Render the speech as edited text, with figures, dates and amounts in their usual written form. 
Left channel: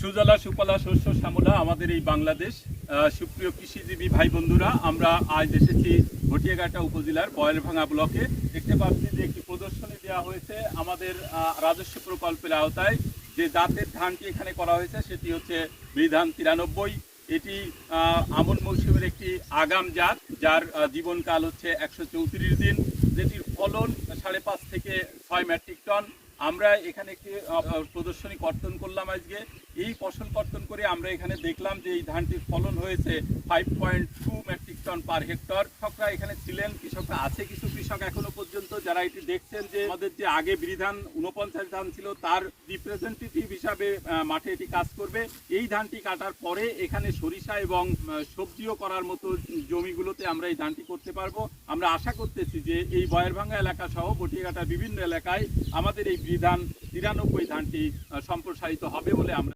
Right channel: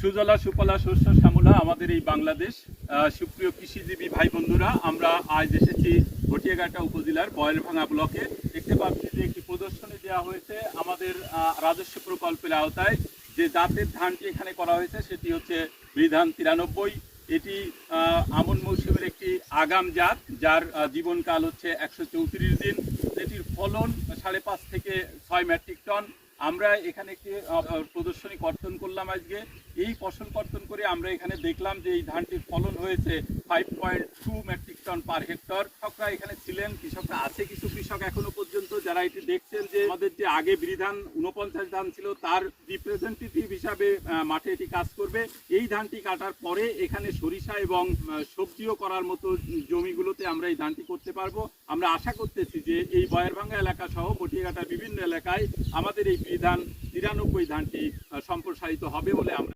সুজলা সুফলা শস্য শ্যামলা আমাদের এই বাংলাদেশ। সুপ্রিয় কৃষিজীবী ভাই বন্ধুরা, আমরা আজ এসেছি ঘটিয়াঘাটা উপজেলার বয়েলভাঙ্গা ব্লকে। দেখতে পাচ্ছি যে একটি প্রদর্শনী দেওয়া হয়েছে আমাদের রাজস্ব প্রকল্পের আওতায়। যে জাতের ধানটি এখানে করা হয়েছে সেটি হচ্ছে বিধান 93। এটি আমন মৌসুমের একটি আগাম জাত, যার জীবনকাল হচ্ছে 134 দিন। এটির ফলন 5.5 থেকে 6 মেট্রিক টন। আমরা এখানে একটি প্রদর্শনী কর্তন করলাম আজকে। এই ফসল কর্তন করে আমরা এখানে দেখলাম যে এই ধানটির ফলন হয়েছে 5.2 মেট্রিক টন পার হেক্টর। কৃষকরা এখানে ছিলেন, কৃষকরা আছে, কিছু কৃষক এখনো পর্যন্ত যারা এটি দেখছেন যে আমাদের যে আগে বিধান 49 ধান ছিল তার রিপ্রেজেন্টেটিভ হিসাবে মাঠে এটি কাজ করবে। এই ধানটি কাটার পরে এখানে সরিষা এবং সবজিও করার মতো জমিগুলোতে আমরা এই ধানটি করতে পারবো। আমরা আশা করতেছি যে এই বয়েরভাঙ্গা এলাকা সহ ঘটিয়াঘাটার বিভিন্ন এলাকায় আমাদের এই বিধান 93 ধানটি সম্প্রসারিত হবে বলে আমরা